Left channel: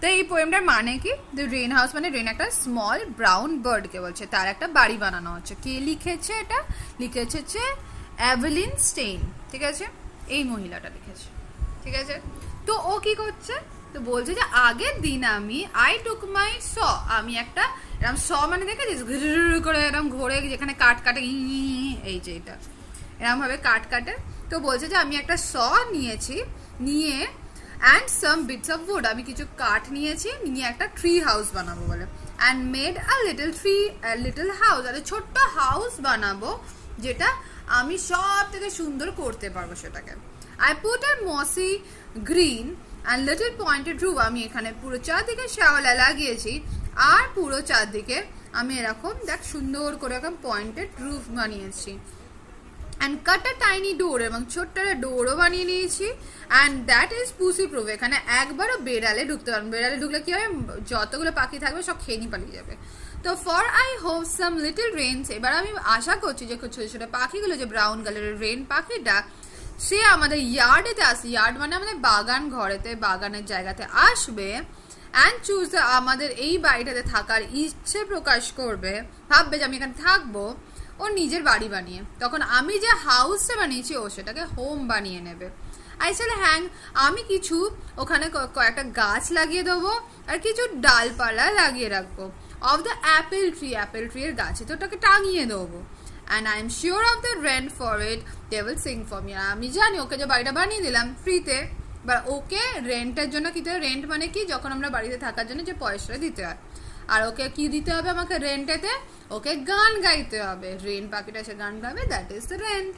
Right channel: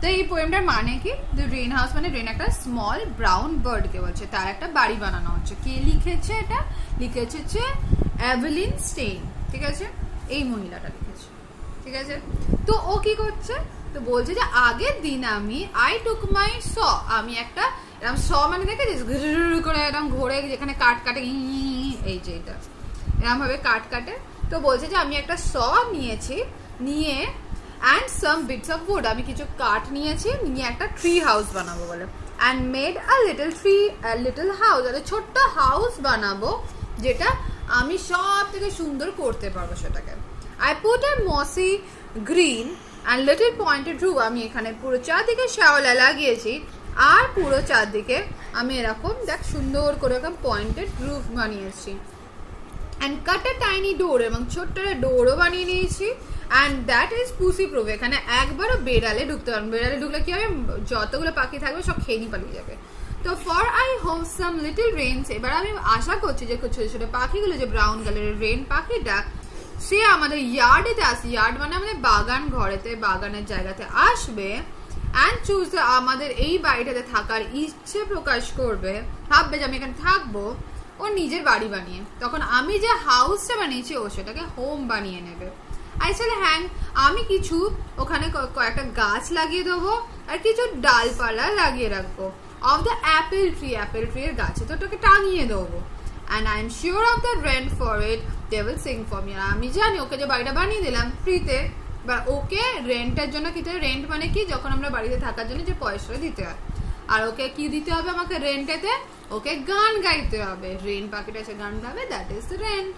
তো এই পোয়েমটার মানে কি, যে রেন হাউস মানে রেন একটা স্মল ব্রাউন বার্ডকে বলছে, তার একটা বাড়ি বানানো হচ্ছে। কে লিখেছে এটা? লিখেছে হচ্ছে অ্যাভেলিন স্টেইন, ঠিক আছে, এই মহিলাটা লিখেছে, ঠিক আছে। তো ও কি করছে, তো বলছে যে আগের দিন আই টুক মাই আমি একটা এরকম মানে দেখেছিস করে এরকম ঘোরে, যেখানে কাট কাটে, এই যে এটা এরকম ভাবে কাট কাটে। তো বলছে যে আমি একটা নিয়েছি, নিয়ে and some bits of wood, আমি কিছু কাঠ নিয়েছি, নিয়ে একটা ট্রি হাউস বানাবো বলে, অ্যান্ড মেড লিটল হাউস, একটা ছোট্ট হাউস বানাবো যেটা আমি সব থেকে সুন্দর করতে পারবো সেটাকে। I put a mossy green and little pointed roof, আমি এখানে পুরো চারদিকে শ্যাওলা লাগিয়েছি, আর পুরো চারদিকে আমি এরকম দেখ সুন্দর করে এরকম পয়েন্টেড রুফ বানিয়েছি। অ্যান্ড কাট এ টাইনি ডোর, এবং ছোট্ট একটা ডোরও বানিয়ে নিয়েছি। অ্যান্ড দ্যাট ইজ পুসি প্রুফ, এখানে একবারও বেড়ালে ঢুকতে পারবেন, বেড়ালে ঢুকলে কি হবে, যতগুলো পাখি থাকবে সব খেয়ে নিয়ে পালিয়ে যাবে। তো for I hope some little Reigns, এবার আমি আশা করছি যে ছোট ছোট পাখিগুলো, যে ব্রাউন কালারের রেন পাখিটা, সে আমাদের ইয়ার্ডেতে আসবে, ইয়ার্ড মানে আমাদের বাগান ঘরেতে, বাগানের জায়গাতে আসবে, অ্যান্ড চুজ আমাদের এই বাড়িটাতে থাকার ইচ্ছে প্রকাশ করবে, ভাববে যে আমি এখানে থাকবো, ও নিজের বাড়ি বানিয়ে, তখন আমি যে হাউসটা বানিয়েছি ও সেটাকে হোম বানিয়ে নেবে। আইসালে হ্যাং, আমি কিছু ওখানে কয়েকটা গাছ লাগিয়ে দেবো, আর কিছু ডালপালা লাগিয়ে রাখবো অফ দ্য অ্যাপেল ট্রি এর গাছে, তো ওটাকে টাঙিয়ে দেবো। And I am sure of the rent for it they will sing for me, আমি জানি ওকে যে বাড়িটা বানিয়ে দিলাম ফ্রিতে, বা ওকে রেন্টের জন্য কি, রেন্ট মানে কি, যখন আমরা বাড়িতে থাকার জন্য যে পয়সাটা দিতে হয়, আর ওকে কি দিতে হবে আমাকে রেন্টেতে, ওকে গান গাইতে হবে, রেন পাখিটা সে গান গাবে, দ্যাট ইজ দ্য রেন্ট।